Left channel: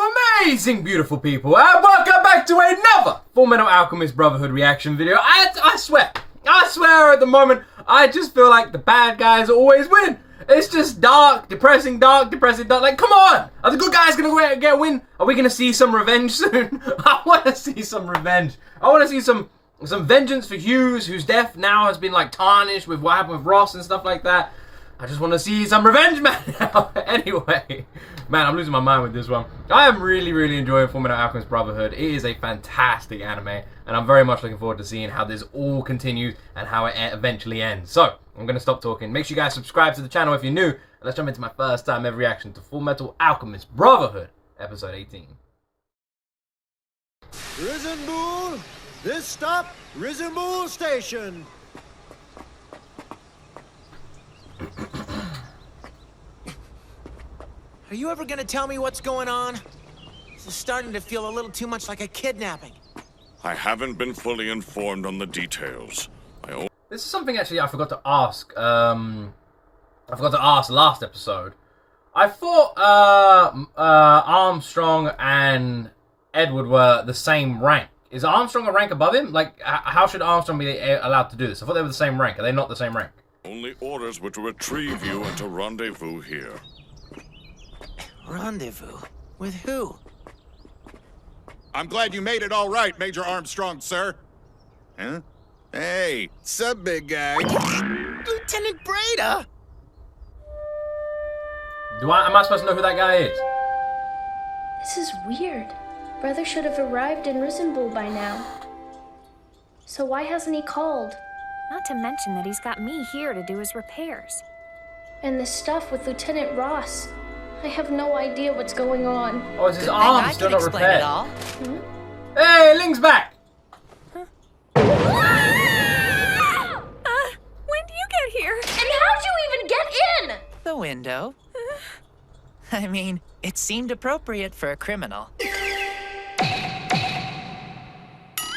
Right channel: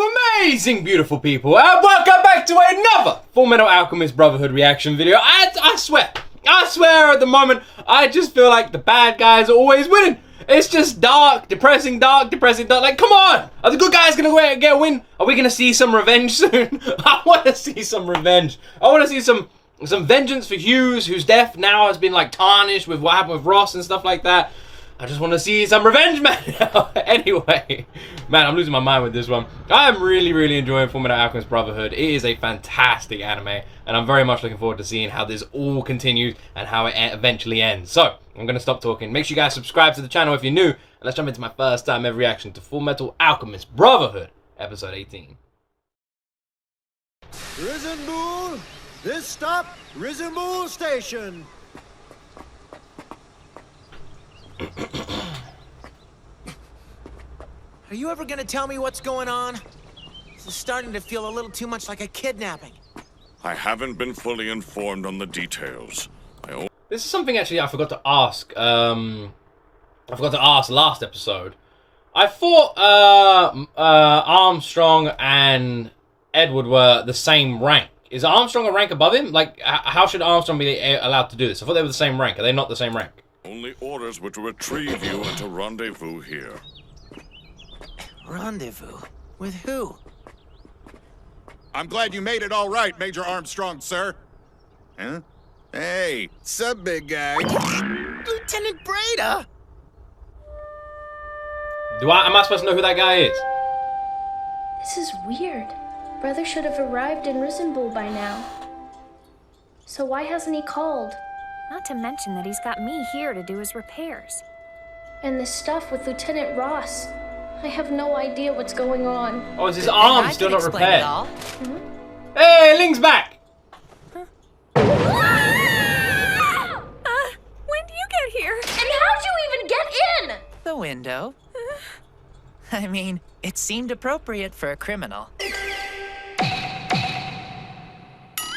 you amazing, beautiful people, and welcome back to another FULLMETAL ALCHEMIST Brotherhood reaction video. I swear at the moment, I just feel like the bad guys are always winning. It's just depressing. Like, come on! Are the good guys gonna get a win? Are we gonna see some revenge soon? I wanna see some revenge. I wanna see some vengeance for Hughes, whose death now has been like tarnished with what happened with Ross and stuff like that. I just want to see some revenge, man. Anyway, man, I'm losing my mind with this one. I am really enjoying FULLMETAL ALCHEMIST Brotherhood. It is a fantastic anime, and I'm very much looking forward to seeing how this all continues and how it eventually ends. So, I'm going to stop talking. Make sure you guys subscribe to the channel if you're new, and let's jump into my first time ever reaction to FULLMETAL ALCHEMIST Brotherhood, episode 18. Risen Bull, this stop, Risen Bull Station. Are you ever gonna tell me what's going on? This is starting to feel a little too much like a kidnapping. I haven't been fully informed on the details. This is something actually I forgot to ask. I forgot to ask last episode. I thought Armstrong and Edward were the same rank. Is Armstrong a rank above him? Like, how should Armstrong be allowed to do this? I thought they were the same rank. Are they not the same rank? Only orders were to retrieve you and to rendezvous here. Rendezvous? With who? I'm glad you made it all right, Major Armstrong, sir. Huh? Hey, sup, big guy? Lieutenant Breda! Am I supposed to know who that guy is? This is weird. Brother should have arrived in Risen Bull by now. So why hasn't he called? Not to mention that he's got me here to do his repairs. And this stuff with Lieutenant Ross. I have no idea what's going on. Oh, is his Good arm thing still I not can explain repaired? it all. Hey, Ling's back! When do you get here? And how'd you even get in? The window. I mean, it seemed appropriate for a criminal.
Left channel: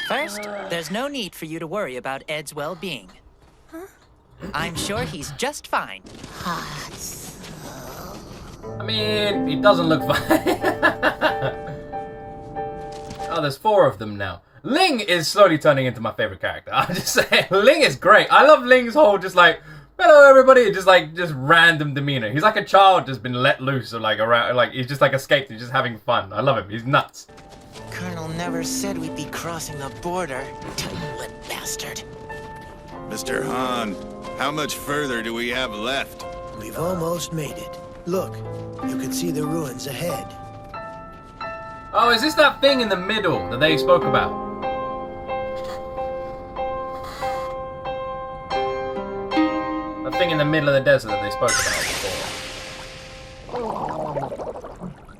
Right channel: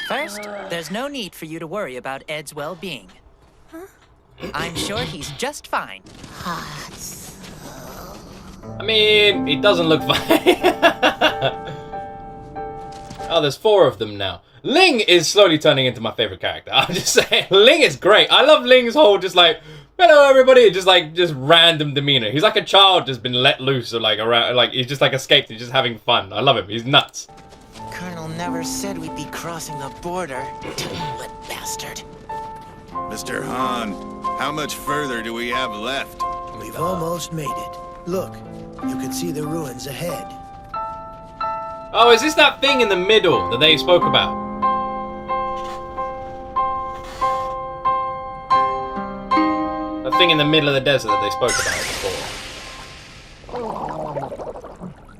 First, there's no need for you to worry about Ed's well-being. I'm sure he's just fine. I mean, he doesn't look fine. Oh, there's 4 of them now. Ling is slowly turning into my favorite character. I'm just saying, Ling is great. I love Ling's whole just like, hello everybody, just random demeanor. He's like a child just been let loose or like around, like he's just like escaped and just having fun. I love him. He's nuts. Colonel never said we'd be crossing the border. Tight-lip bastard. Mr. Han, how much further do we have left? We've almost made it. Look, you can see the ruins ahead. Oh, is this that thing in the middle that they spoke about? The thing in the middle of the desert that they spoke about before.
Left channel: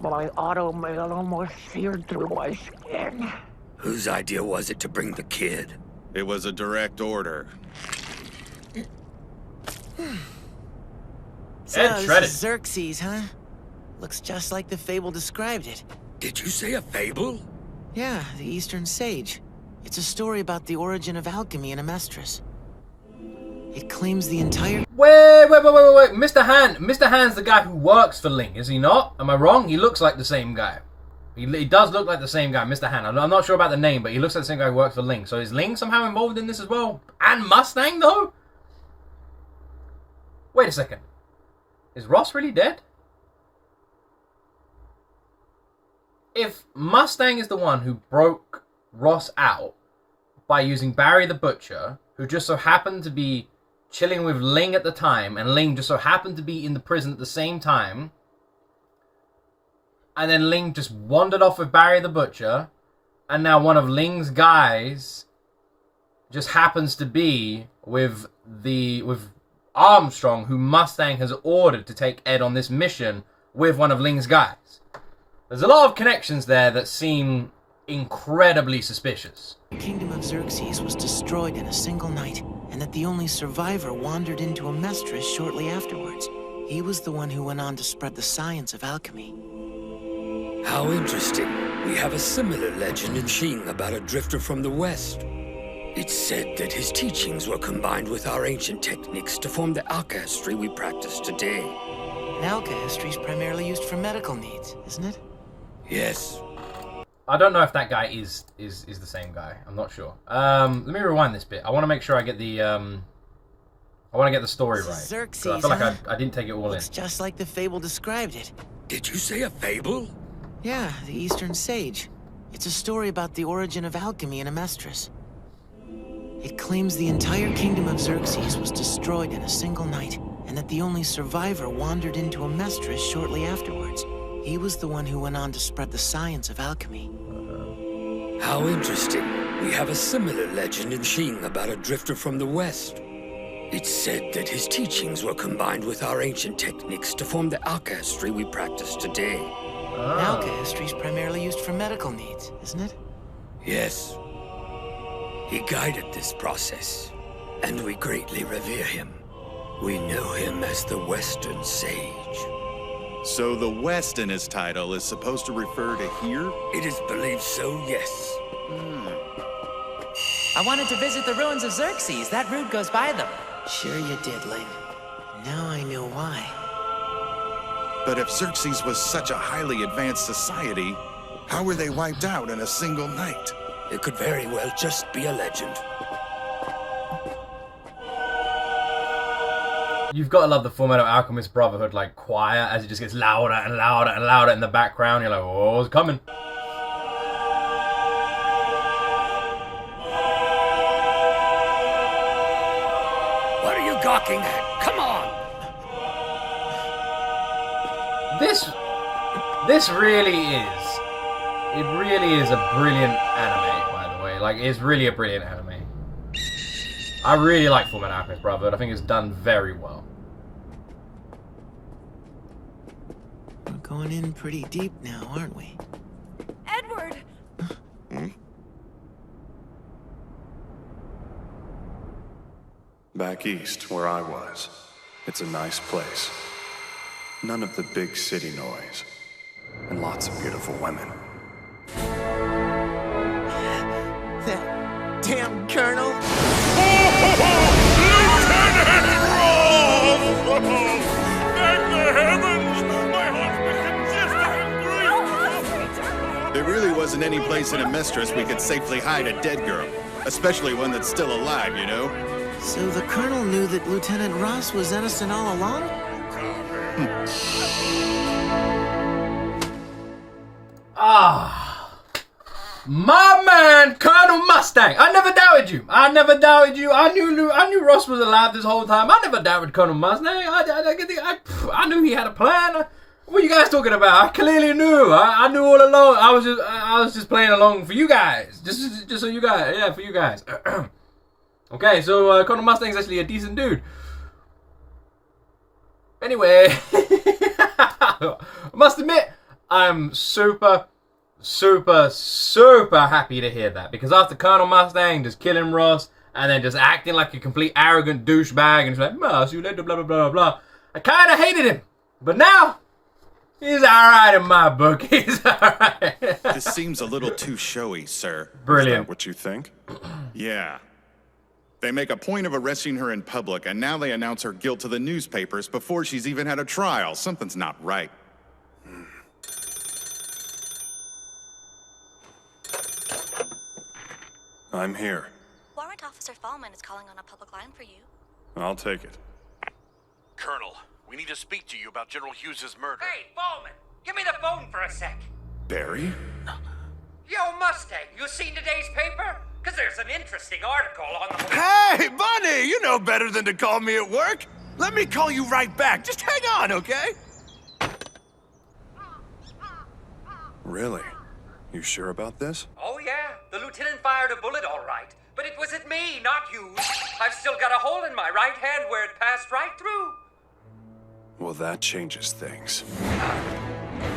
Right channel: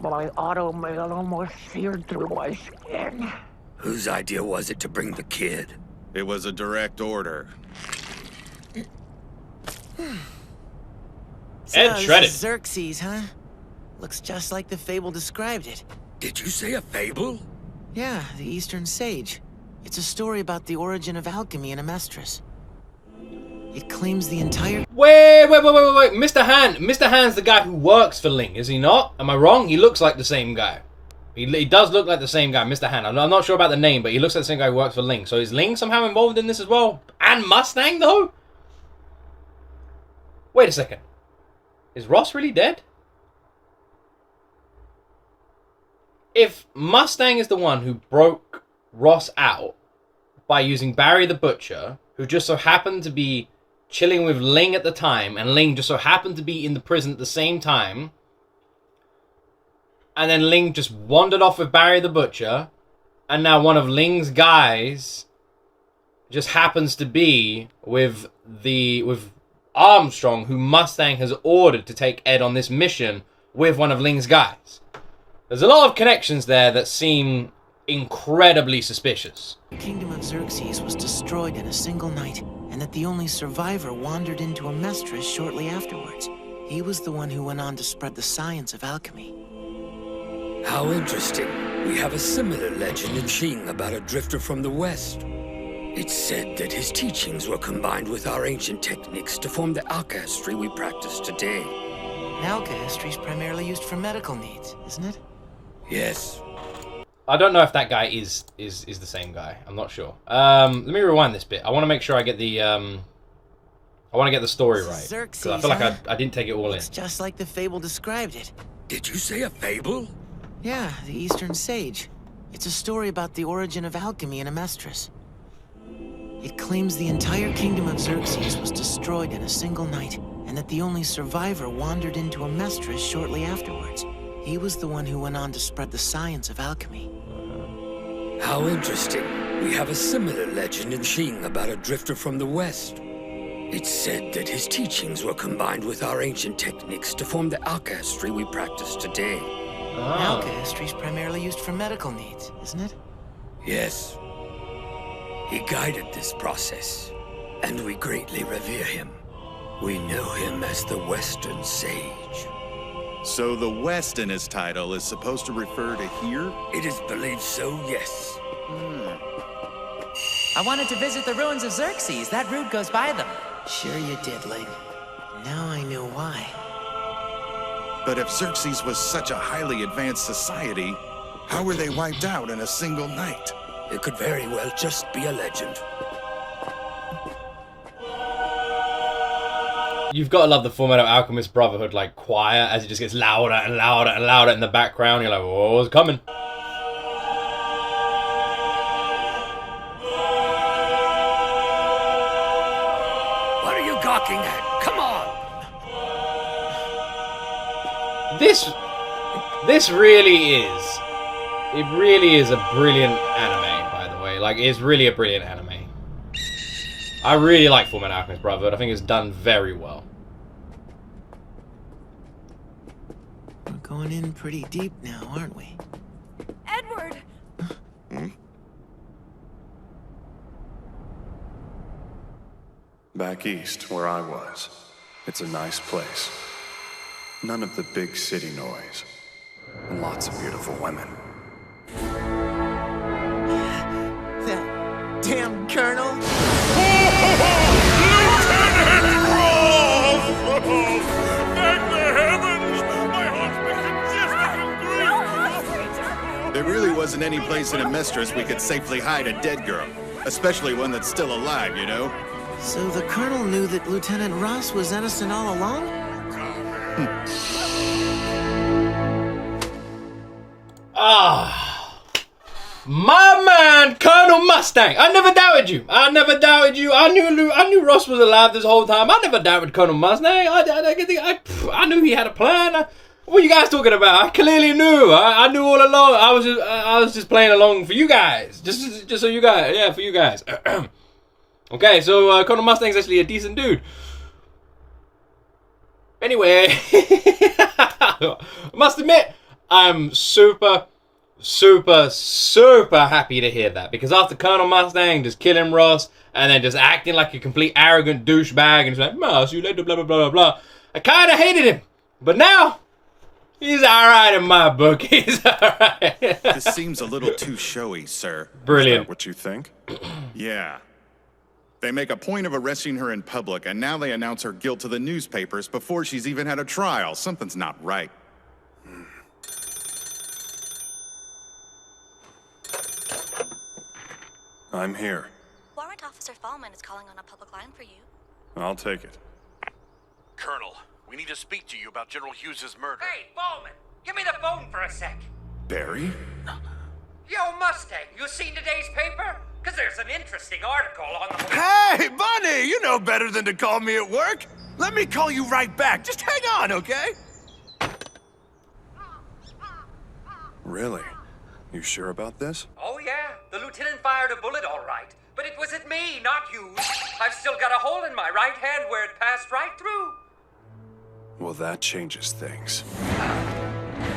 My automail almost seared through my skin. Whose idea was it to bring the kid? It was a direct order. So, Ed this shredded. is Xerxes, huh? Looks just like the fable described it. Did you say a fable? Yeah, the Eastern Sage. It's a story about the origin of alchemy in Amestris. It claims the entire... Wait. Mr. Han's the guy who works for Ling, is he not? Am I wrong? He looks like the same guy. He does look like the same guy, Mr. Han. I'm not sure about the name, but he looks like the same guy who works for Ling. So is Ling somehow involved in this as well? And Mustang, though? Wait a second. Is Ross really dead? If Mustang is the one who broke Ross out by using Barry the Butcher, who just so happened to be chilling with Ling at the time, and Ling just so happened to be in the prison at the same time, and then Ling just wandered off with Barry the Butcher, and now one of Ling's guys just happens to be with Armstrong, who Mustang has ordered to take Ed on this mission with one of Ling's guys. There's a lot of connections there that seem incredibly suspicious. The kingdom of Xerxes was destroyed in a single night, and that the only survivor wandered into Amestris shortly afterwards. He was the one who went on to spread the science of alchemy. How interesting. We have a similar legend in Xing about a drifter from the west. It's said that his teachings were combined with our ancient techniques to form the alchemy we practice today. Alchemy is primarily used for medical needs, isn't it? Yes. I don't know if that guy is the same guy. I'm not sure. Let me rewind this bit. I want to make sure I get the story right. 'Cause Xerxes, I feel like huh? I didn't take it all Looks just like the fable described it. Did you say a fable? Yeah, the Eastern Sage. It's a story about the origin of alchemy in Amestris. It claims the entire kingdom of Xerxes was destroyed in a single night, and that the only survivor wandered into Amestris shortly afterwards. He was the one who went on to spread the science of alchemy. How interesting. We have a similar legend in Xing about a drifter from the west. It's said that his teachings were combined with our ancient techniques to form the alchemy we practice today. Alchemy is primarily used for medical needs, isn't it? Yes. He guided this process, and we greatly revere him. We know him as the Western Sage. So the West in his title is supposed to refer to here? It is believed so, yes. I wanted to visit the ruins of Xerxes. That route goes by them. Sure you did, Ling. Now I know why. But if Xerxes was such a highly advanced society, how were they wiped out in a single night? It could very well just be a legend. You've got to love the FULLMETAL Alchemist Brotherhood like choir as it just gets louder and louder and louder in the background. You're like, whoa, it's coming. What are you gawking at? Come on! This really is. It really is a brilliant anime, by the way. Like, it's really a brilliant anime. I really like FULLMETAL Alchemist Brotherhood. I think it's done very well. We're going in pretty deep now, aren't we? Edward! Back east, where I was. It's a nice place. None of the big city noise. And lots of beautiful women. That damn colonel? Lieutenant Ross! Thank the heavens! My heart's been congested in grief! There really wasn't any place in Amestris we could safely hide a dead girl. Especially one that's still alive, you know? So the colonel knew that Lieutenant Ross was innocent all along? My man, Colonel Mustang. I never doubted you. I never doubted you. I knew Ross was alive this whole time. I never doubted Colonel Mustang. I knew he had a plan. What are you guys talking about? I clearly knew. I knew all along. I was just playing along for you guys. Just so you guys. Yeah, for you guys. Okay, so Colonel Mustang's actually a decent dude. Anyway, I must admit, I'm super happy to hear that, because after Colonel Mustang just killing Ross and then just acting like a complete arrogant douchebag and just like, "I'll see you later, blah blah blah blah," I kind of hated him, but now he's alright in my book. He's alright. This seems a little too showy, sir. Brilliant. Is that what you think? Yeah. They make a point of arresting her in public, and now they announce her guilt to the newspapers before she's even had a trial. Something's not right. I'm here. Warrant Officer Fallman is calling on a public line for you. I'll take it. Colonel, we need to speak to you about General Hughes' murder. Hey, Bowman, give me the phone for a sec. Barry? Yo, Mustang, you seen today's paper? Because there's an interesting article on the... Hey, Bunny, you know better than to call me at work. Let me call you right back. Just hang on, okay? Really? You sure about this? Oh, yeah. The lieutenant fired a bullet all right. But it was at me, not you. I've still got a hole in my right hand where it passed right through. Well, that changes things.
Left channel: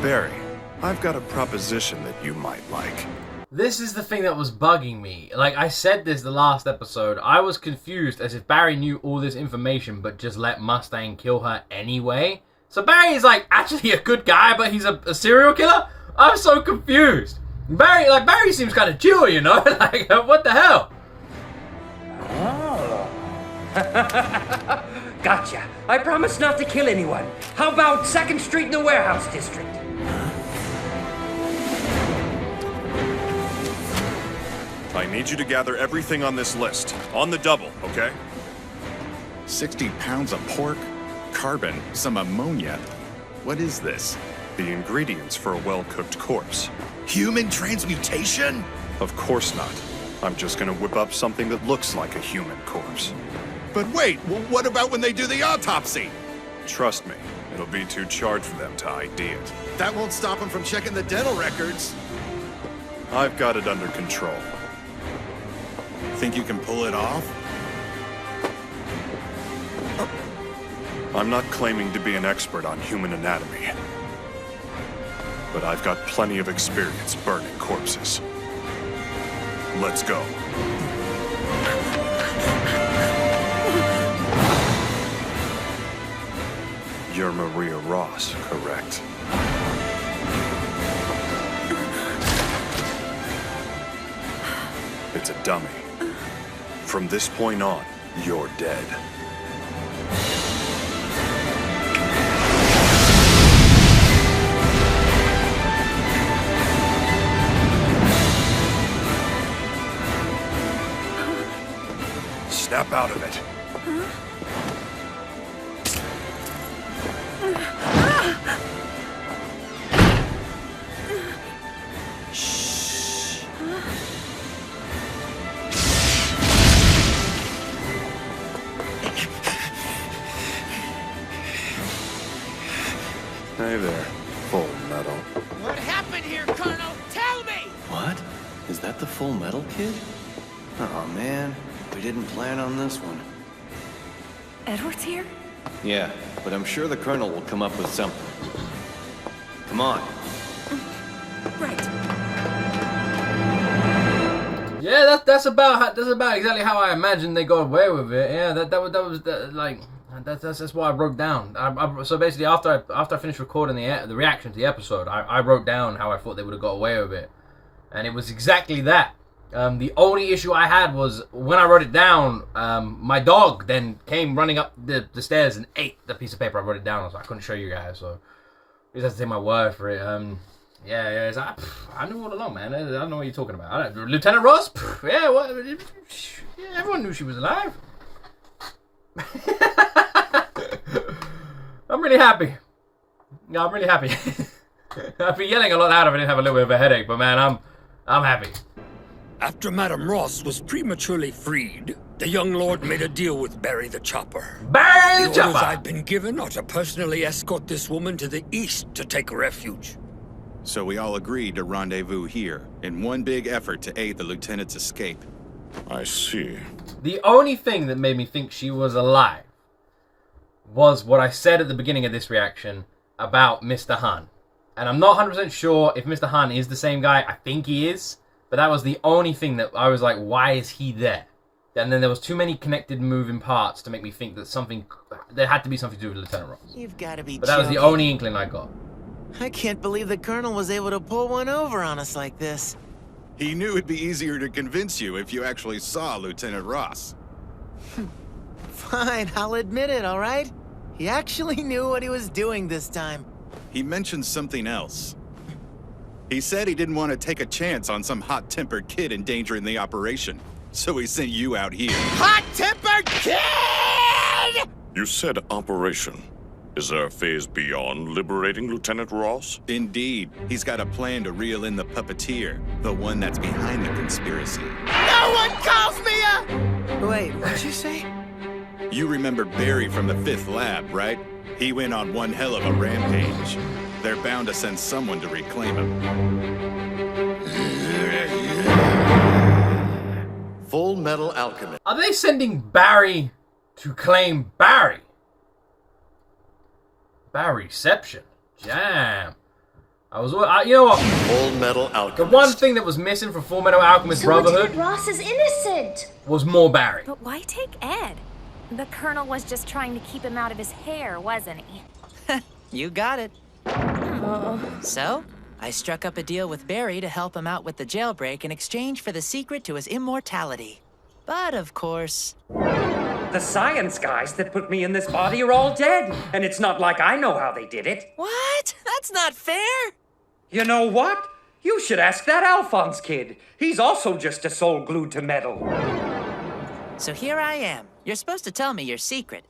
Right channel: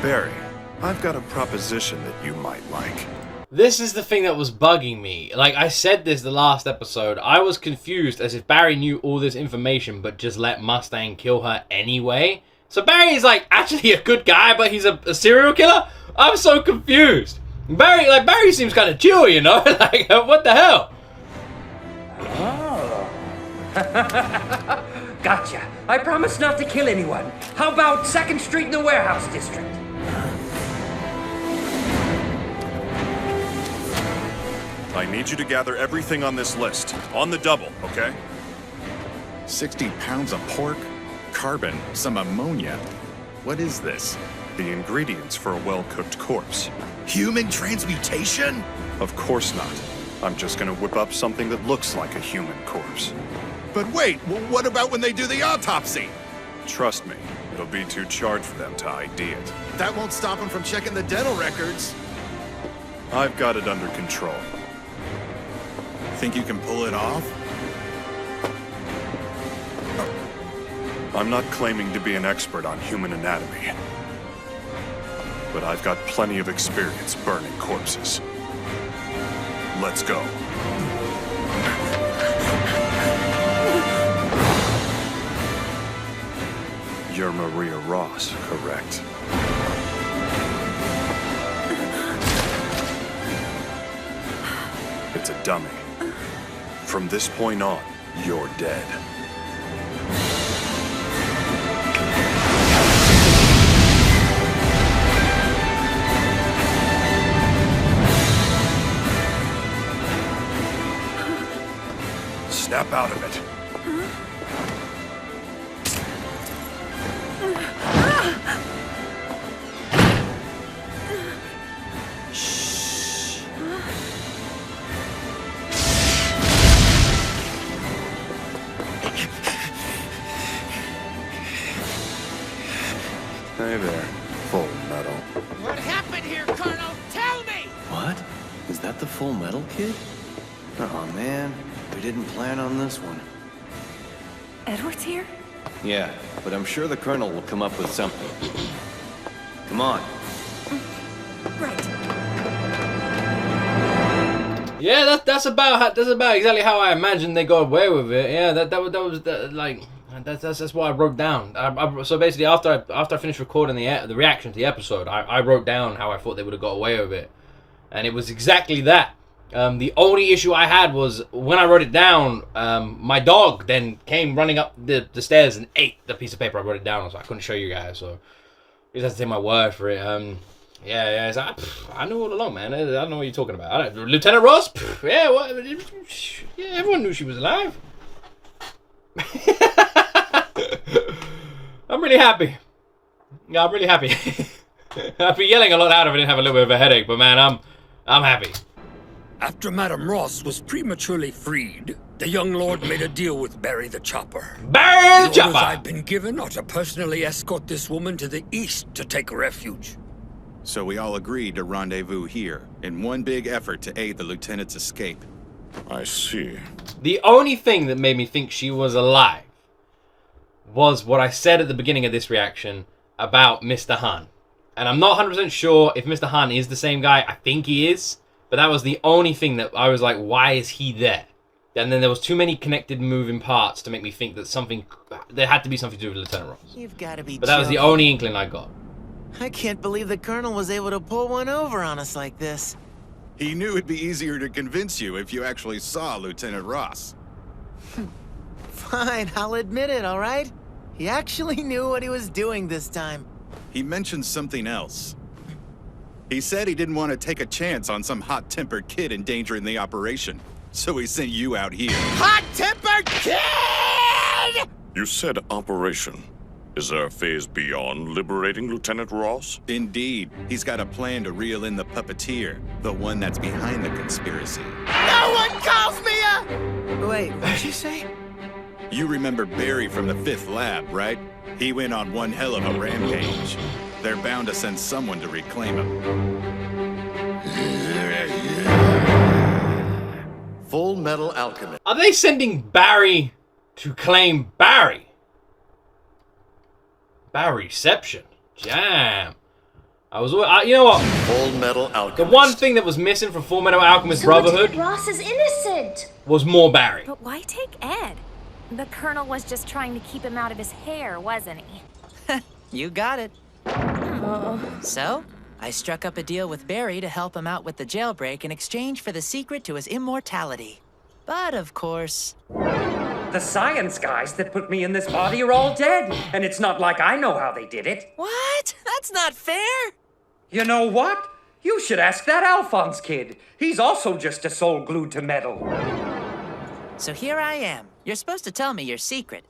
Barry, I've got a proposition that you might like. This is the thing that was bugging me. Like, I said this the last episode. I was confused as if Barry knew all this information but just let Mustang kill her anyway. So Barry's like actually a good guy, but he's a serial killer? I'm so confused. Barry seems kind of chill, you know? Like, what the hell? Oh. Gotcha. I promise not to kill anyone. How about 2nd Street in the Warehouse District? I need you to gather everything on this list. On the double, okay? 60 pounds of pork, carbon, some ammonia. What is this? The ingredients for a well-cooked corpse. Human transmutation? Of course not. I'm just gonna whip up something that looks like a human corpse. But wait, what about when they do the autopsy? Trust me, it'll be too charged for them to ID it. That won't stop them from checking the dental records. I've got it under control. Think you can pull it off? I'm not claiming to be an expert on human anatomy, but I've got plenty of experience burning corpses. Let's go. You're Maria Ross, correct? It's a dummy. From this point on, you're dead. Snap out of it. Shh. Hey there, Full Metal. What happened here, Colonel? Tell me! What? Is that the Full Metal kid? Oh man, we didn't plan on this one. Edward's here? Yeah, but I'm sure the Colonel will come up with something. Come on. Right. Yeah, that's about exactly how I imagined they got away with it. Yeah, that was like that's what I wrote down. So basically, after I finished recording the reaction to the episode, I wrote down how I thought they would have got away with it, and it was exactly that. The only issue I had was when I wrote it down, my dog then came running up the stairs and ate the piece of paper I wrote it down on, so I couldn't show you guys. So you just have to take my word for it. Yeah. It's like, I knew all along, man. I don't know what you're talking about. Lieutenant Ross? Yeah, what? Yeah, everyone knew she was alive. I'm really happy. Yeah, I'm really happy. I'd be yelling a lot louder if I didn't have a little bit of a headache, but man, I'm happy. After Madame Ross was prematurely freed, the young lord made a deal with Barry the Chopper. Barry the orders Chopper! I've been given are to personally escort this woman to the east to take refuge. So we all agreed to rendezvous here, in one big effort to aid the lieutenant's escape. I see. The only thing that made me think she was alive was what I said at the beginning of this reaction about Mr. Han. And I'm not 100% sure if Mr. Han is the same guy. I think he is. But that was the only thing that I was like, why is he there? And then there was too many connected moving parts to make me think that there had to be something to do with Lieutenant Ross. You've got to be But that was the only inkling I got. I can't believe the Colonel was able to pull one over on us like this. He knew it'd be easier to convince you if you actually saw Lieutenant Ross. Fine, I'll admit it, all right? He actually knew what he was doing this time. He mentioned something else. He said he didn't want to take a chance on some hot-tempered kid endangering the operation, so he sent you out here. Hot-tempered kid! You said operation. Is there a phase beyond liberating Lieutenant Ross? Indeed. He's got a plan to reel in the puppeteer, the one that's behind the conspiracy. No one calls me a... Wait, what'd you say? You remember Barry from the 5th lab, right? He went on one hell of a rampage. They're bound to send someone to reclaim him. Full Metal Alchemist. Are they sending Barry to claim Barry? Barryception. Jam. You know what? Full Metal Alchemist. The one thing that was missing from Full Metal Alchemist Brotherhood Lieutenant Ross is innocent. was more Barry. But why take Ed? The Colonel was just trying to keep him out of his hair, wasn't he? You got it. So, I struck up a deal with Barry to help him out with the jailbreak in exchange for the secret to his immortality. But, of course... The science guys that put me in this body are all dead, and it's not like I know how they did it. What? That's not fair! You know what? You should ask that Alphonse kid. He's also just a soul glued to metal. So here I am. You're supposed to tell me your secret.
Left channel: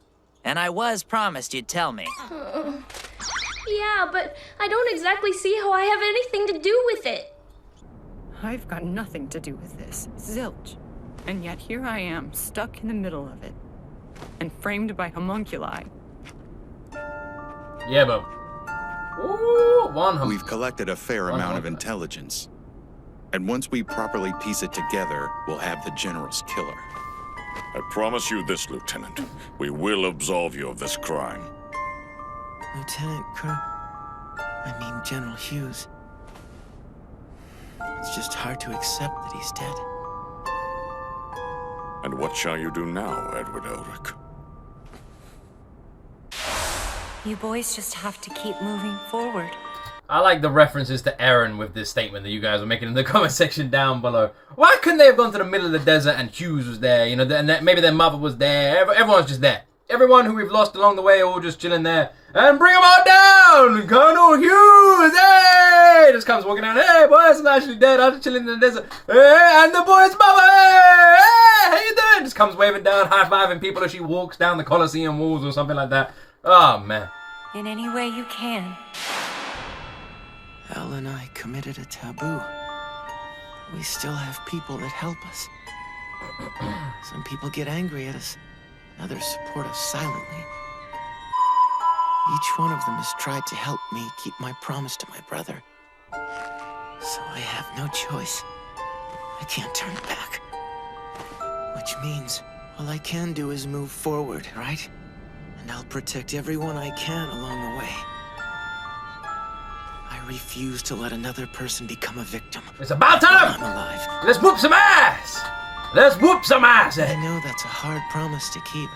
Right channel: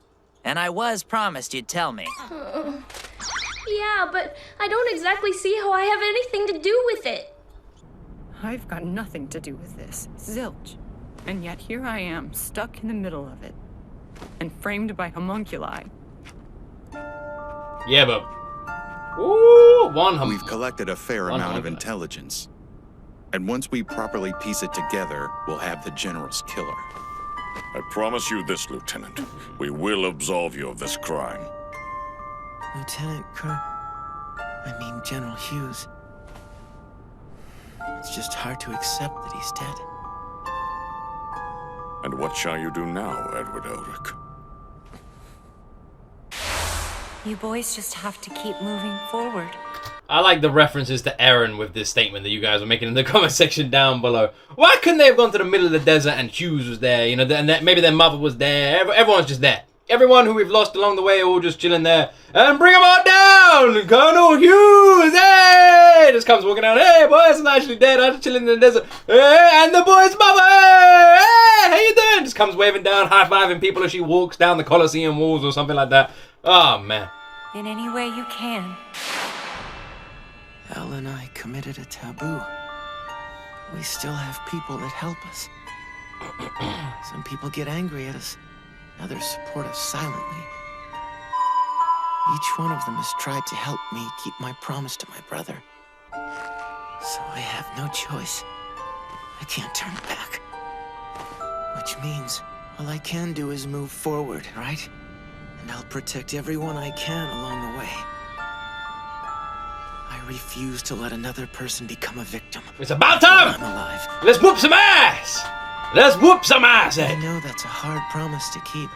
And I was promised you'd tell me. Yeah, but I don't exactly see how I have anything to do with it. I've got nothing to do with this. Zilch. And yet here I am, stuck in the middle of it. And framed by homunculi. Yeah, but... Ooh, We've collected a fair amount of intelligence. And once we properly piece it together, we'll have the General's killer. I promise you this, Lieutenant. We will absolve you of this crime. General Hughes. It's just hard to accept that he's dead. And what shall you do now, Edward Elric? You boys just have to keep moving forward. I like the references to Aaron with this statement that you guys were making in the comment section down below. Why couldn't they have gone to the middle of the desert and Hughes was there? You know, and maybe their mother was there. Everyone's just there. Everyone who we've lost along the way are all just chilling there. And bring them all down! Colonel Hughes! Hey! Just comes walking down. Hey, boys, I'm actually dead. I'm just chilling in the desert. Hey, and the boy's mother! Hey! Hey, how you doing? Just comes waving down, high-fiving people as she walks down the Colosseum walls or something like that. Oh, man. In any way you can. Al and I committed a taboo. We still have people that help us. Some people get angry at us. Others support us silently. Each one of them has tried to help me keep my promise to my brother. So I have no choice. I can't turn back. Which means all I can do is move forward, right? And I'll protect everyone I can along the way. I refuse to let another person become a victim. It's about time! I'm alive. Let's whoop some ass! Let's whoop some ass! I know that's a hard promise to keep.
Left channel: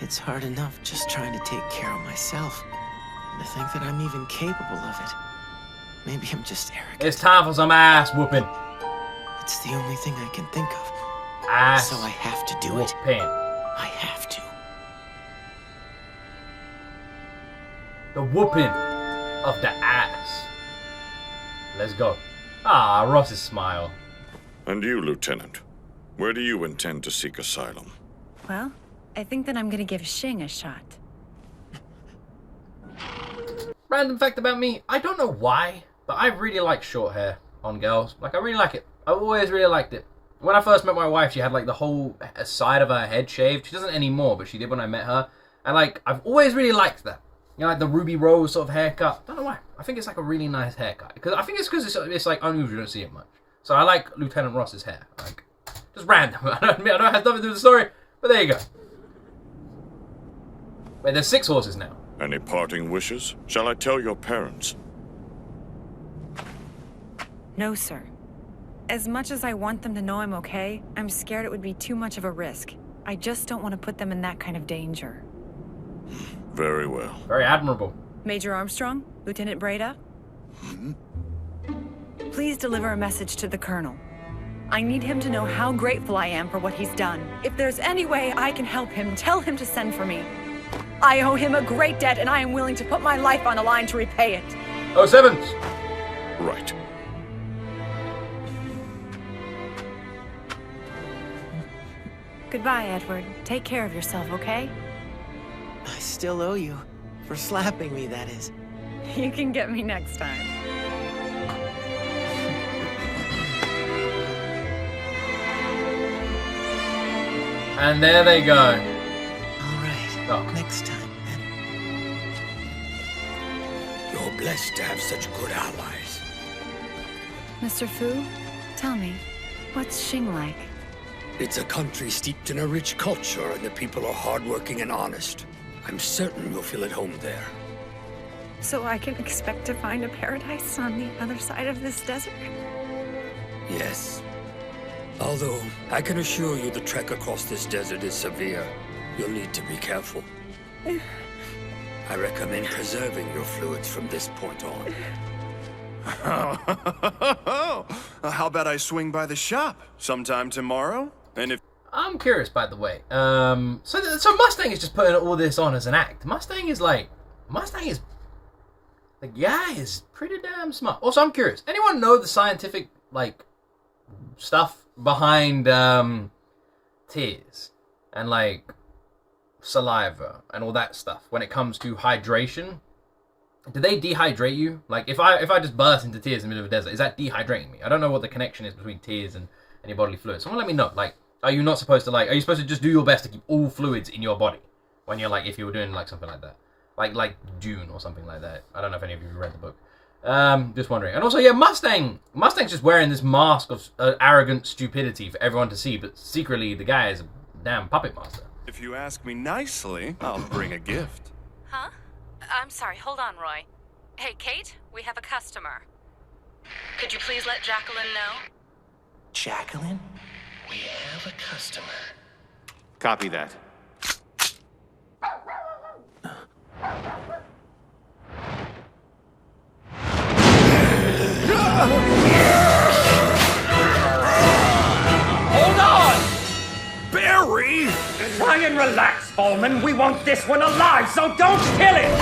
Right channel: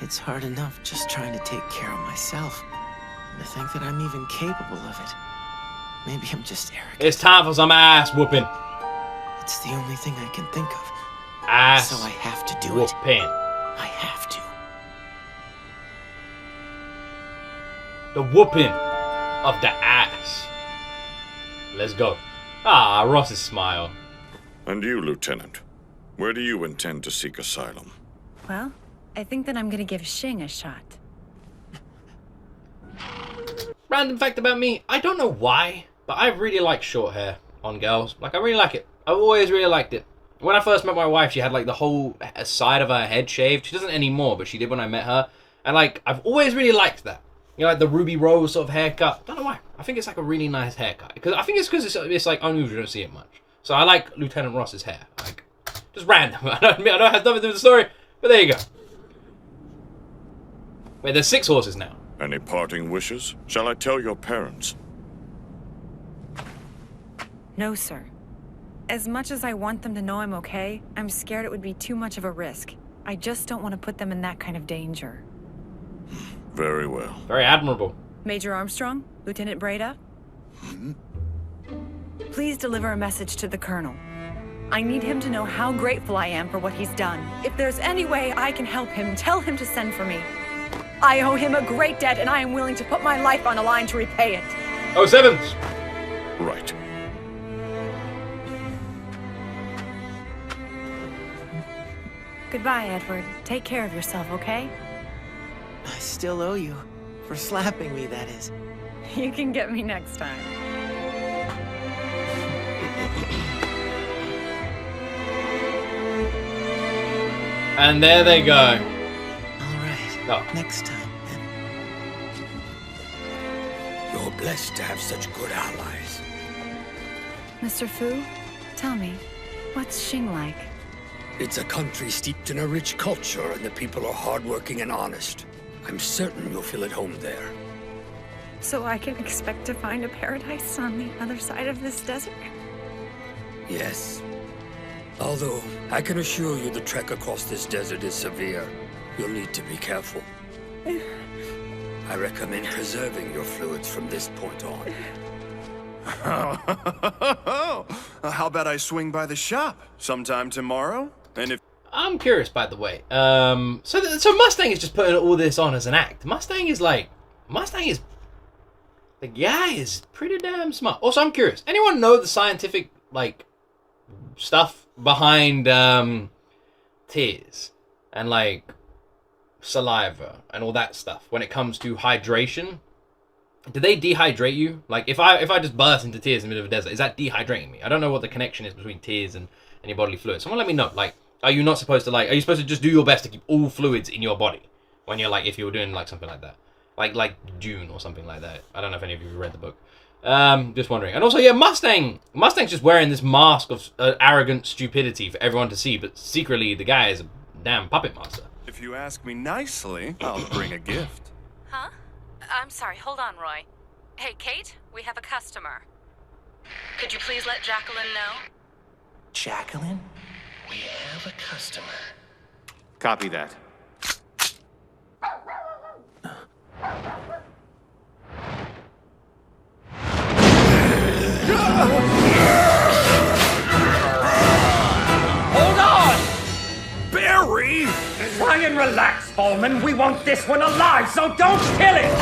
It's hard enough just trying to take care of myself. And to think that I'm even capable of it. Maybe I'm just arrogant. It's time for some ass whooping. It's the only thing I can think of. Ass so I have to do whooping. I have to. The whooping of the ass. Let's go. Ah, Ross's smile. And you, Lieutenant, where do you intend to seek asylum? Well, I think that I'm gonna give Xing a shot. Random fact about me, I don't know why, but I really like short hair on girls. Like, I really like it. I've always really liked it. When I first met my wife, she had like the whole side of her head shaved. She doesn't anymore, but she did when I met her. And like, I've always really liked that. You know, like the Ruby Rose sort of haircut. Don't know why. I think it's like a really nice haircut. Because I think it's because it's like unusual. You don't see it much. So I like Lieutenant Ross's hair. Like, just random. I know it has nothing to do with the story, but there you go. Wait, there's 6 horses now. Any parting wishes? Shall I tell your parents? No, sir. As much as I want them to know I'm okay, I'm scared it would be too much of a risk. I just don't want to put them in that kind of danger. Very well. Very admirable. Major Armstrong? Lieutenant Breda? Please deliver a message to the Colonel. I need him to know how grateful I am for what he's done. If there's any way I can help him, tell him to send for me. I owe him a great debt, and I am willing to put my life on the line to repay it. 07. Right. Goodbye, Edward. Take care of yourself, okay? I still owe you. For slapping me, that is. You can get me next time. And there they go. All right. Oh. Next time, then. You're blessed to have such good allies. Mr. Fu, tell me, what's Xing like? It's a country steeped in a rich culture, and the people are hardworking and honest. I'm certain you'll feel at home there. So I can expect to find a paradise on the other side of this desert? Yes. Although, I can assure you the trek across this desert is severe. You'll need to be careful. I recommend preserving your fluids from this point on. How about I swing by the shop sometime tomorrow? And if I'm curious, by the way. So Mustang is just putting all this on as an act. Mustang is The guy is pretty damn smart. Also, I'm curious. Anyone know the scientific, like, stuff behind tears and, like, saliva and all that stuff when it comes to hydration? Do they dehydrate you? Like, if I just burst into tears in the middle of a desert, is that dehydrating me? I don't know what the connection is between tears and your bodily fluids. Someone let me know. Like, are you not supposed to, like, are you supposed to just do your best to keep all fluids in your body when you're, like, if you were doing, like, something like that? Like Dune or something like that. I don't know if any of you have read the book. Just wondering. And also, yeah, Mustang's just wearing this mask of arrogant stupidity for everyone to see, but secretly the guy is a damn puppet master. If you ask me nicely, I'll bring a gift. Huh? I'm sorry, hold on, Roy. Hey, Kate, we have a customer. Could you please let Jacqueline know? Jacqueline? We have a customer. Copy that. Hold on! Barry! Try and relax, Fallman. We want this one alive, so don't kill it!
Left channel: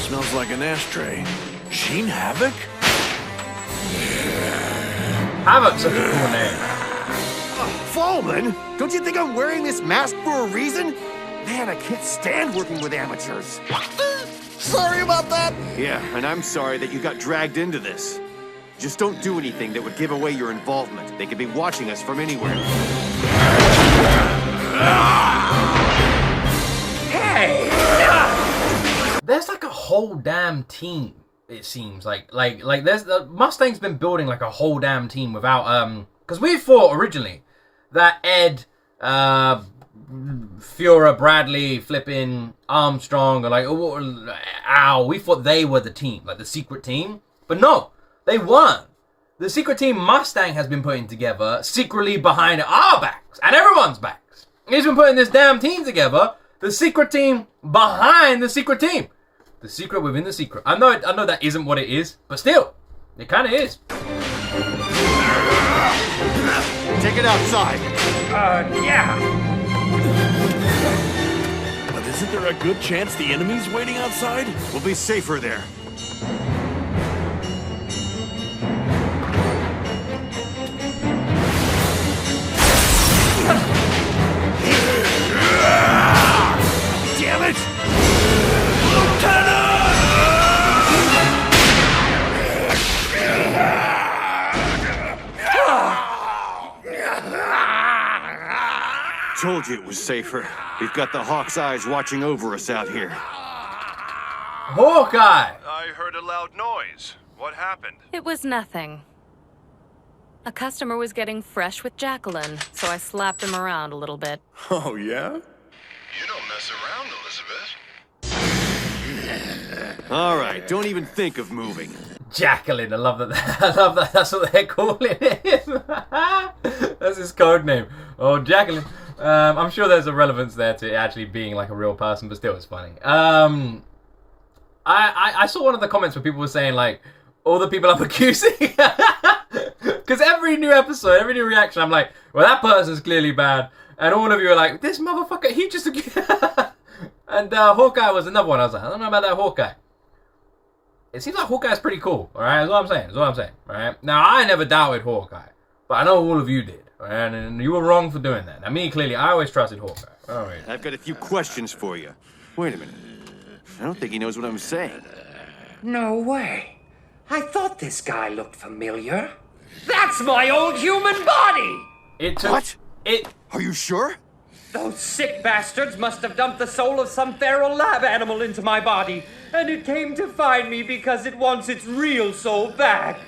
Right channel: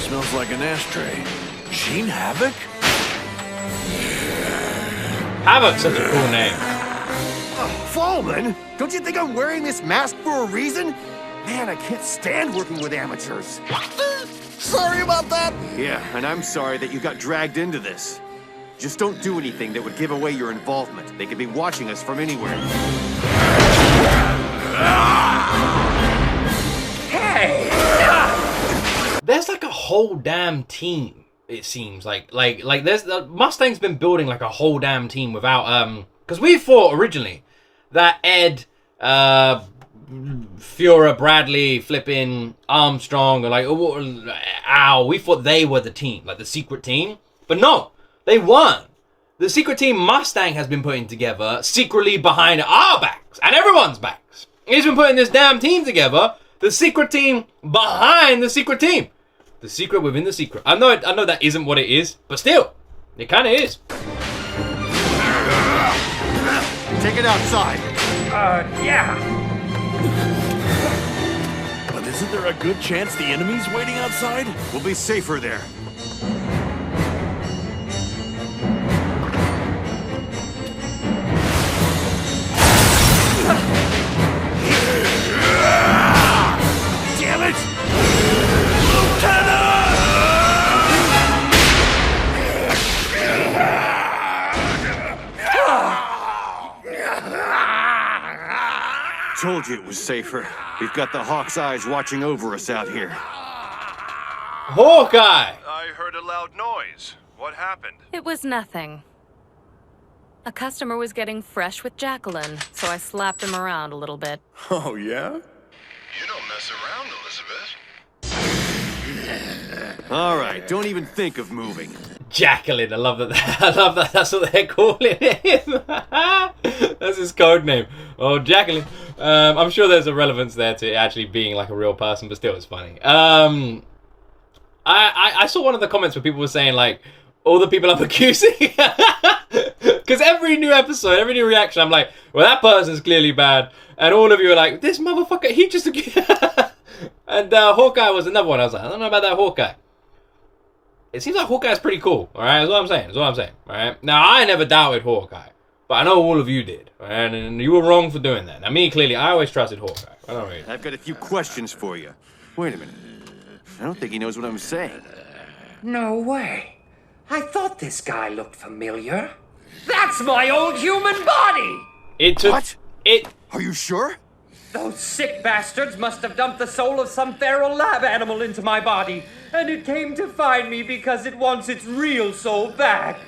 Smells like an ashtray. Gene Havoc? Havoc's such a cool name. Fallman, don't you think I'm wearing this mask for a reason? Man, I can't stand working with amateurs. Sorry about that. Yeah, and I'm sorry that you got dragged into this. Just don't do anything that would give away your involvement. They could be watching us from anywhere. Hey! There's like a whole damn team. It seems like there's Mustang's been building like a whole damn team without because we thought originally that Ed, Führer, Bradley, flipping Armstrong, or like we thought they were the team, like the secret team, but no, they weren't. The secret team Mustang has been putting together secretly behind our backs and everyone's backs. He's been putting this damn team together. The secret team behind the secret team. The secret within the secret. I know that isn't what it is, but still, it kind of is. Take it outside. Yeah. But isn't there a good chance the enemy's waiting outside? We'll be safer there. Damn it! Lieutenant! Told you it was safer. We've got the Hawk's eyes watching over us out here. Hawkeye! I heard a loud noise. What happened? It was nothing. A customer was getting fresh with Jacqueline, so I slapped him around a little bit. Oh, yeah? You don't mess around, Elizabeth. All right, don't even think of moving. Jacqueline, I love that. I love that. That's what they're calling him. That's his code name. Oh, Jacqueline. I'm sure there's a relevance there to it actually being like a real person, but still, it's funny. I saw one of the comments where people were saying like, all the people I'm accusing, because every new episode, every new reaction, I'm like, well, that person's clearly bad, and all of you are like, this motherfucker, he just. And Hawkeye was another one. I was like, I don't know about that Hawkeye. It seems like Hawkeye's pretty cool, alright? That's what I'm saying. Alright? Now, I never doubted Hawkeye, but I know all of you did, alright? And you were wrong for doing that. Now, me, clearly, I always trusted Hawkeye. I don't really. I've got a few questions for you. Wait a minute. I don't think he knows what I'm saying. No way. I thought this guy looked familiar. That's my old human body! What? Are you sure? Those sick bastards must have dumped the soul of some feral lab animal into my body, and it came to find me because it wants its real soul back.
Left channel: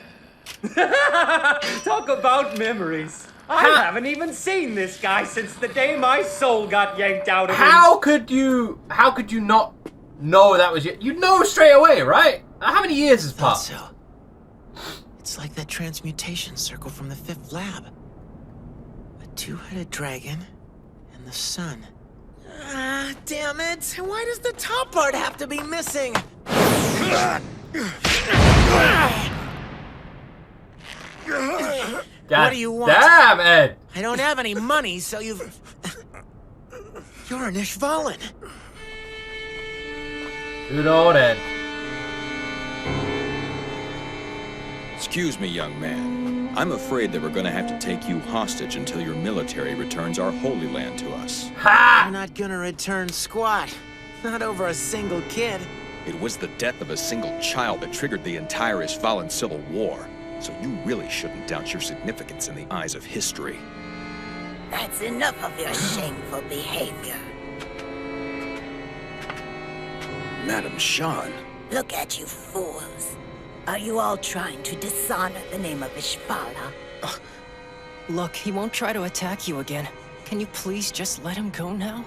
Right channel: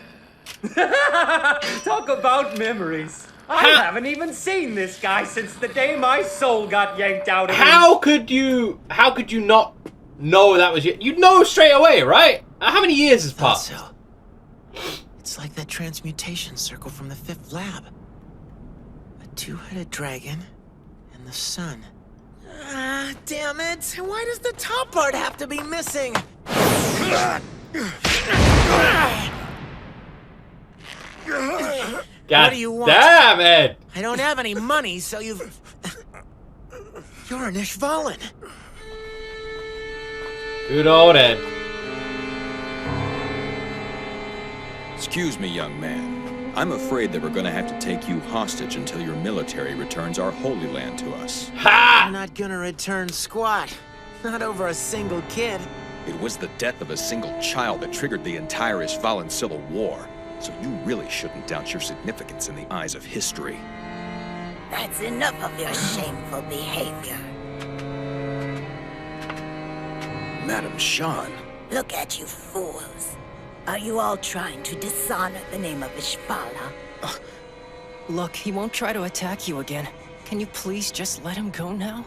Talk about memories. I haven't even seen this guy since the day my soul got yanked out of him. How could you not know that was you? You'd know straight away, right? How many years has passed? So. It's like that transmutation circle from the 5th lab. A 2-headed dragon and the sun. Ah, damn it! Why does the top part have to be missing? God what do you want? Damn, Ed. I don't have any money, so you've... You're an Ishvalan. Good old Ed. Excuse me, young man. I'm afraid that we're gonna have to take you hostage until your military returns our Holy Land to us. Ha! You're not gonna return squat. Not over a single kid. It was the death of a single child that triggered the entire Ishvalan civil war. So you really shouldn't doubt your significance in the eyes of history. That's enough of your shameful behavior. Madam Shan. Look at you fools. Are you all trying to dishonor the name of Ishvala? Look, he won't try to attack you again. Can you please just let him go now?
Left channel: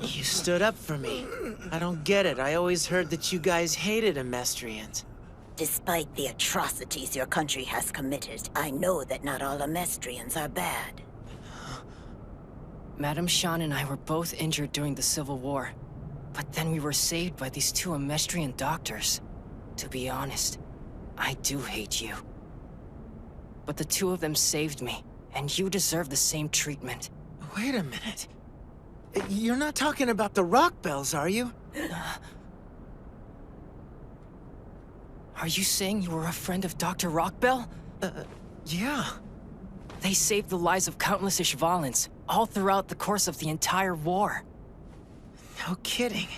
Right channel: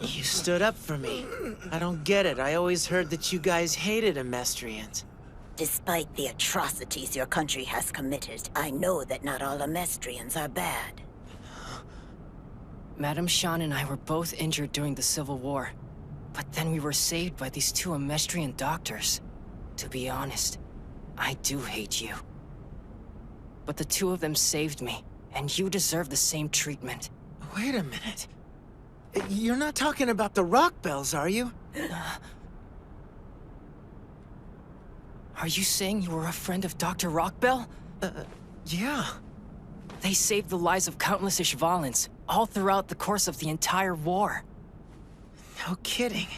You stood up for me. I don't get it. I always heard that you guys hated Amestrians. Despite the atrocities your country has committed, I know that not all Amestrians are bad. Madam Shan and I were both injured during the Civil War. But then we were saved by these two Amestrian doctors. To be honest, I do hate you. But the two of them saved me, and you deserve the same treatment. Wait a minute. You're not talking about the rock bells, are you? Are you saying you were a friend of Dr. Rockbell? Yeah. They saved the lives of countless Ishvalans, all throughout the course of the entire war. No kidding.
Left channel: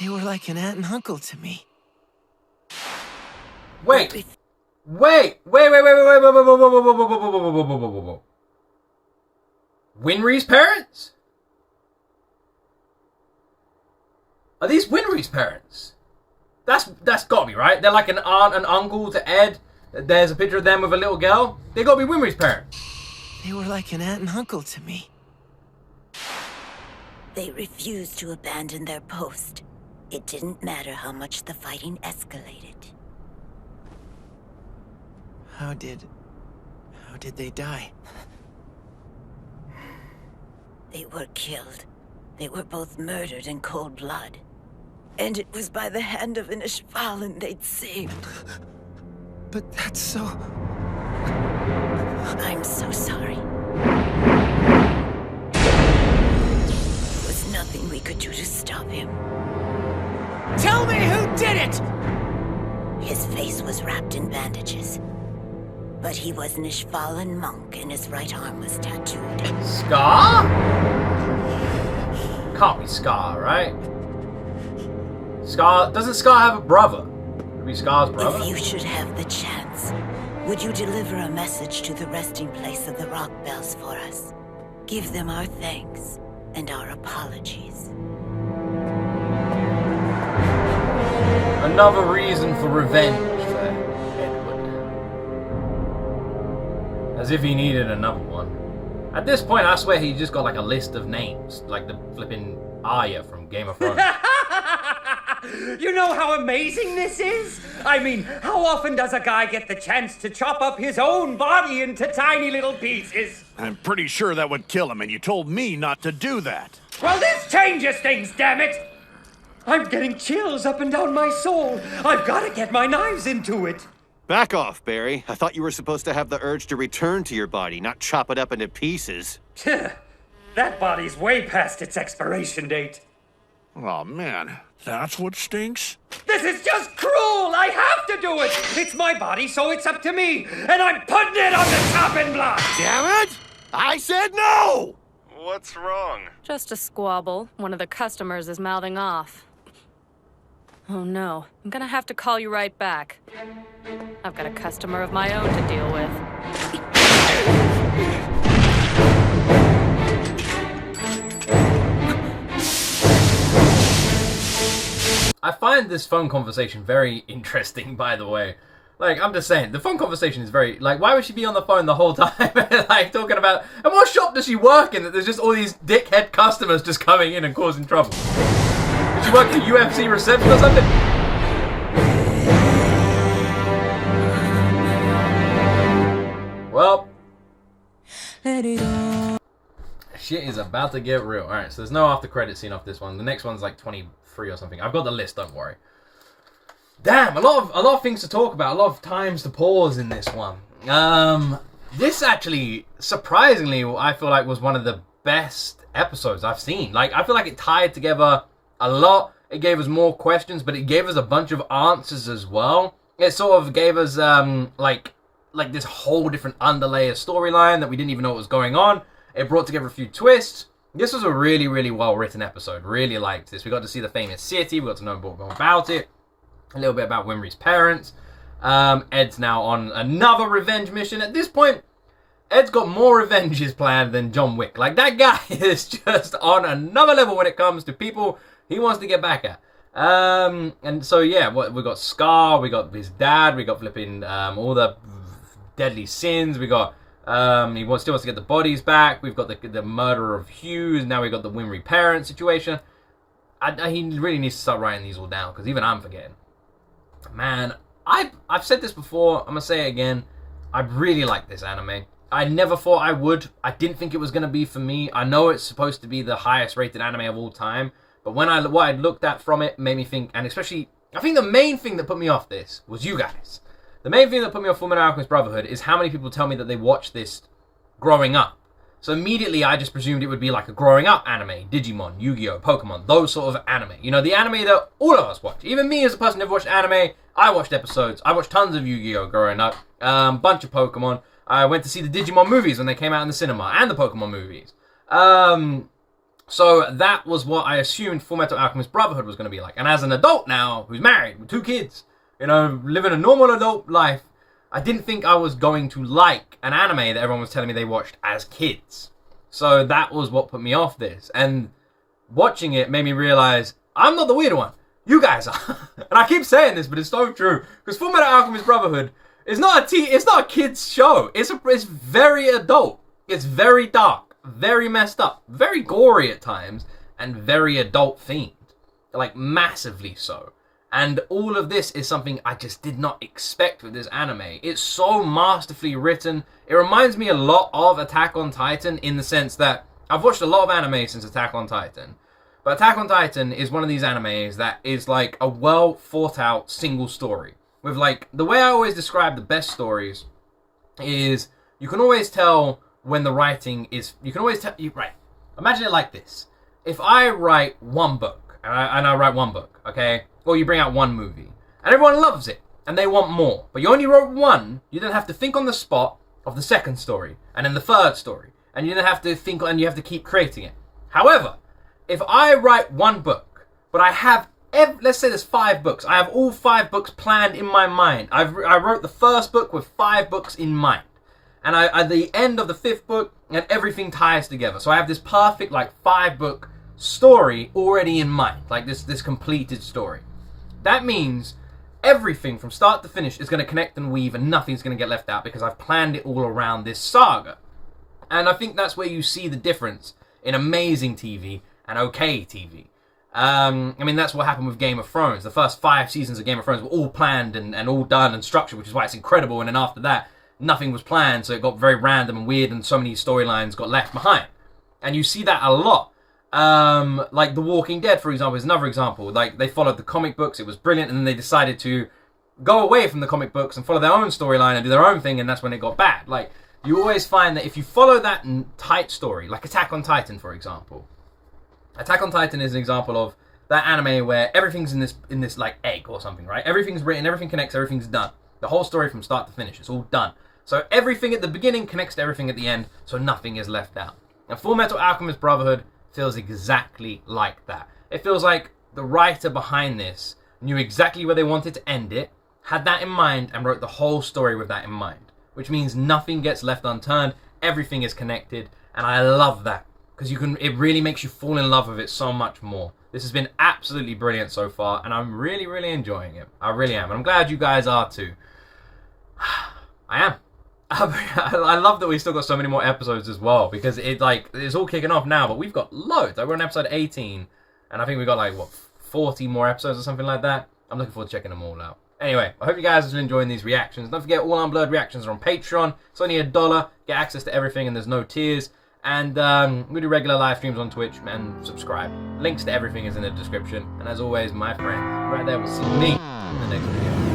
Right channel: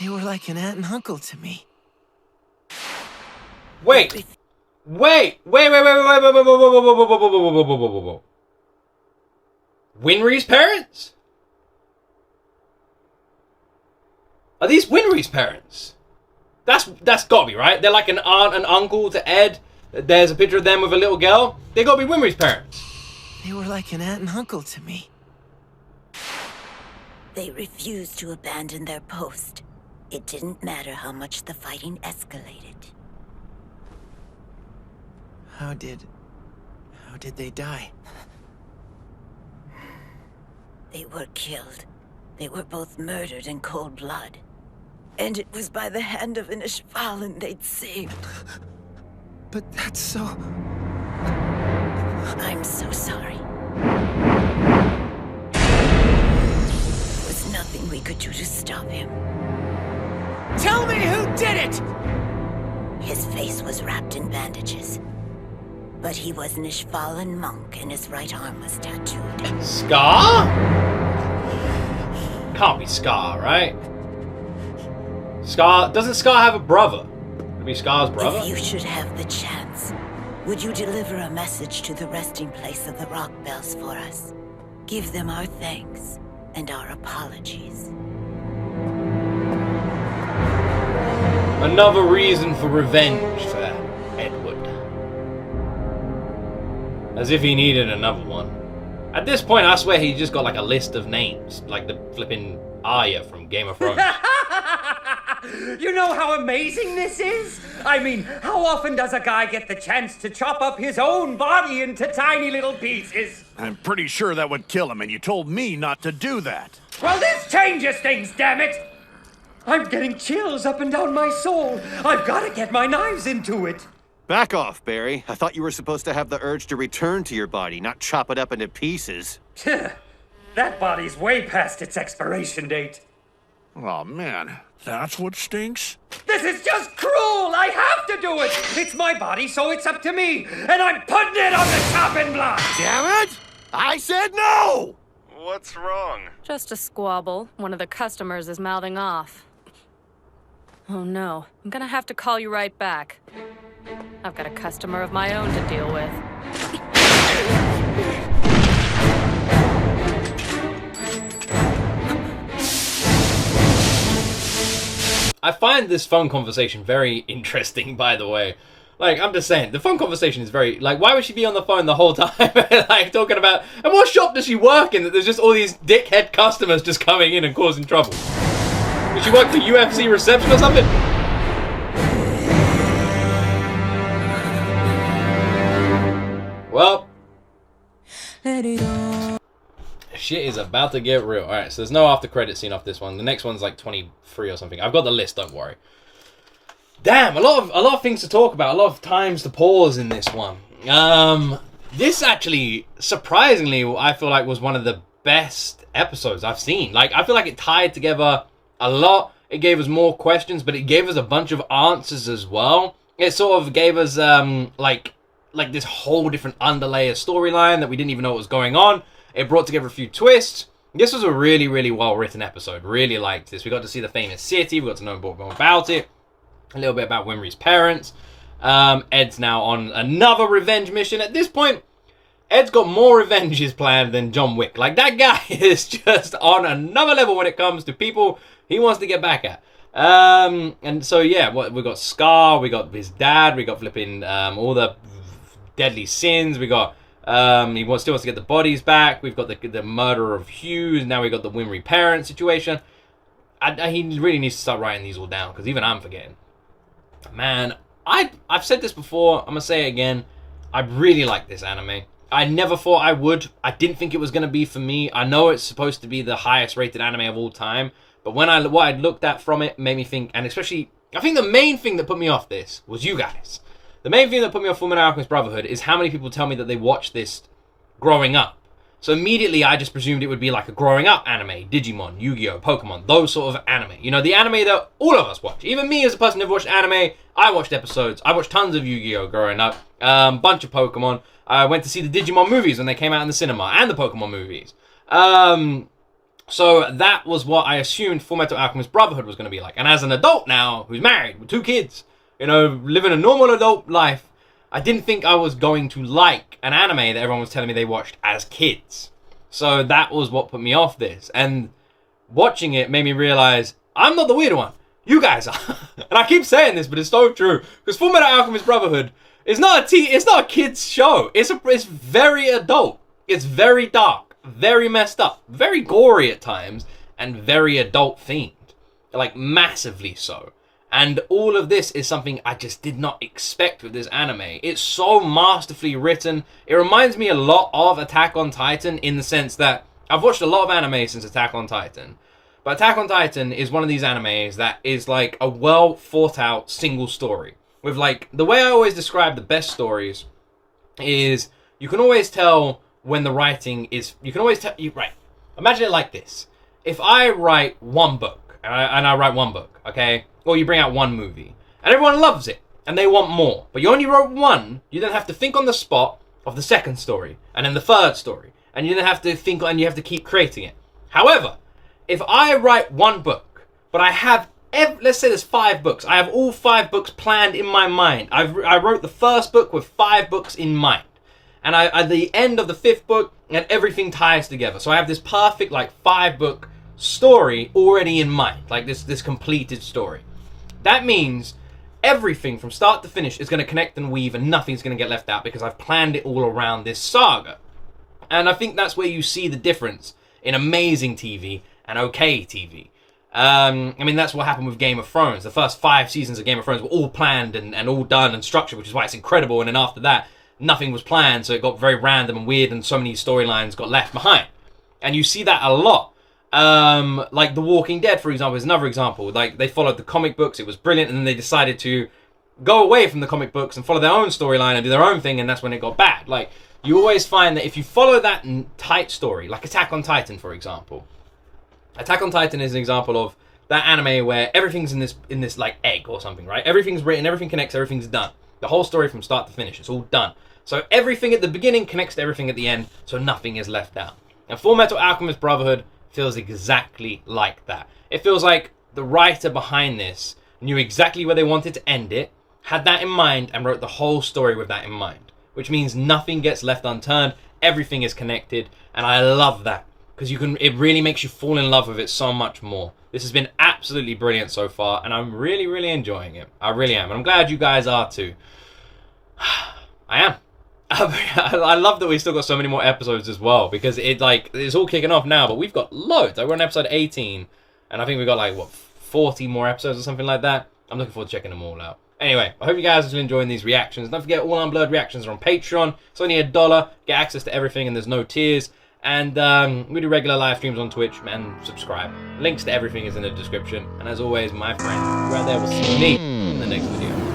They were like an aunt and uncle to me. Wait. Winry's parents? Are these Winry's parents? That's gotta be right. They're like an aunt and uncle to Ed. There's a picture of them with a little girl. They gotta be Winry's parents. They were like an aunt and uncle to me. They refused to abandon their post. It didn't matter how much the fighting escalated. How did they die? They were killed. They were both murdered in cold blood. And it was by the hand of an Ishvalan they'd saved. But that's so... I'm so sorry. There was nothing we could do to stop him. Tell me who did it! His face was wrapped in bandages. But he was an Ishvalan monk and his right arm was tattooed. Scar? Can't be Scar, right? Scar... Doesn't Scar have a brother? Would it be Scar's brother? If you should have the chance, would you deliver a message to the resting place of the rock bells for us? Give them our thanks and our apologies. Another reason for revenge for Edward. As if he needed another one. At this point, I swear he just got like a list of names. Like the flipping Arya from Game of Thrones. You know how amazing this is? I mean, how often does a guy get the chance to chop up his own body into tiny little pieces? I'm pretty sure that would kill him, and you told me not to do that. Well, this changes things, damn it! I'm getting chills up and down my soul. I've got to get my knives into it. Back off, Barry. I thought you were supposed to have the urge to return to your body, not chop it up into pieces. That body's way past its expiration date. Oh, man. That's what stinks? This is just cruel! I have to do it! It's my body, so it's up to me! And I'm putting it on the chopping block! Damn it! I said no! What's wrong? Just a squabble. One of the customers is mouthing off. Oh no, I'm gonna have to call you right back. I've got a customer of my own to deal with. I find this phone conversation very interesting, by the way. Like, I'm just saying, the phone conversation is very... Like, why would she be on the phone the whole time? Like, talking about... And what shop does she work in that there's just all these dickhead customers just coming in and causing trouble? Does she work for UFC reception or something? Well... Shit is about to get real. Alright, so there's no after credit scene off this one. The next one's like 23 or something. I've got the list, don't worry. Damn, a lot of things to talk about, a lot of times to pause in this one. This actually, surprisingly, I feel like was one of the best episodes I've seen. Like, I feel like it tied together a lot. It gave us more questions, but it gave us a bunch of answers as well. It sort of gave us, like this whole different underlayer storyline that we didn't even know what was going on. It brought together a few twists. This was a really, really well-written episode. Really liked this. We got to see the famous city. We got to know more about it. A little bit about Winry's parents. Ed's now on another revenge mission. At this point, Ed's got more revenges planned than John Wick. Like, that guy is just on another level when it comes to people he wants to get back at. And so, yeah, we got Scar, we got his dad, we got flipping all the deadly sins, we got, he still wants to get the bodies back, we've got the murder of Hughes, now we got the Winry parent situation. He really needs to start writing these all down, because even I'm forgetting. Man, I've said this before, I'm going to say it again, I really like this anime. I never thought I would. I didn't think it was going to be for me. I know it's supposed to be the highest rated anime of all time, but what I looked at from it made me think, and especially, I think the main thing that put me off this was you guys. The main thing that put me off FULLMETAL ALCHEMIST BROTHERHOOD is how many people tell me that they watched this growing up. So immediately I just presumed it would be like a growing up anime, Digimon, Yu-Gi-Oh, Pokemon, those sort of anime. You know, the anime that all of us watch. Even me as a person who never watched anime, I watched episodes. I watched tons of Yu-Gi-Oh growing up, bunch of Pokemon. I went to see the Digimon movies when they came out in the cinema, and the Pokemon movies. So that was what I assumed FULLMETAL ALCHEMIST BROTHERHOOD was going to be like. And as an adult now, who's married, with 2 kids, you know, living a normal adult life, I didn't think I was going to like an anime that everyone was telling me they watched as kids. So that was what put me off this. And watching it made me realize I'm not the weird one. You guys are. And I keep saying this, but it's so true. Because FULLMETAL ALCHEMIST BROTHERHOOD is not a kid's show. It's very adult. It's very dark, very messed up, very gory at times, and very adult themed. Like, massively so. And all of this is something I just did not expect with this anime. It's so masterfully written. It reminds me a lot of Attack on Titan in the sense that I've watched a lot of anime since Attack on Titan. But Attack on Titan is one of these animes that is like a well thought out single story. With like, the way I always describe the best stories is you can always tell when the writing is, you can always tell, right, imagine it like this. If I write one book, and I write one book, okay? Or you bring out one movie, and everyone loves it, and they want more. But you only wrote one, you then have to think on the spot of the second story, and then the third story. And you then have to think, and you have to keep creating it. However, if I write one book, but I have, let's say there's 5 books. I have all 5 books planned in my mind. I wrote the first book with 5 books in mind. And at the end of the 5th book, and everything ties together. So I have this perfect, like, 5-book story already in mind. Like, this completed story. That means everything from start to finish is going to connect and weave, and nothing's going to get left out because I've planned it all around this saga. And I think that's where you see the difference in amazing TV and okay TV. I mean, that's what happened with Game of Thrones. The first 5 seasons of Game of Thrones were all planned and all done and structured, which is why it's incredible. And then after that, nothing was planned, so it got very random and weird, and so many storylines got left behind. And you see that a lot. Like The Walking Dead, for example, is another example. Like, they followed the comic books, it was brilliant, and then they decided to go away from the comic books and follow their own storyline and do their own thing, and that's when it got bad. Like, you always find that if you follow that tight story, like Attack on Titan, for example. Attack on Titan is an example of that anime where everything's in this like egg or something, right? Everything's written, everything connects, everything's done. The whole story from start to finish, it's all done. So everything at the beginning connects to everything at the end, so nothing is left out. And FULLMETAL ALCHEMIST BROTHERHOOD feels exactly like that. It feels like the writer behind this knew exactly where they wanted to end it, had that in mind, and wrote the whole story with that in mind. Which means nothing gets left unturned, everything is connected, and I love that. Because it really makes you fall in love with it so much more. This has been absolutely brilliant so far, and I'm really, really enjoying it. I really am, and I'm glad you guys are too. I am. I love that we still got so many more episodes as well, because it's all kicking off now, but we've got loads. We're on episode 18, and I think we've got like, what, 40 more episodes or something like that? I'm looking forward to checking them all out. Anyway, I hope you guys are enjoying these reactions. Don't forget, all Unblurred reactions are on Patreon. It's only $1. Get access to everything, and there's no tiers. And we do regular live streams on Twitch, and subscribe. Links to everything is in the description. And as always, my friend, right there will see me in the next video.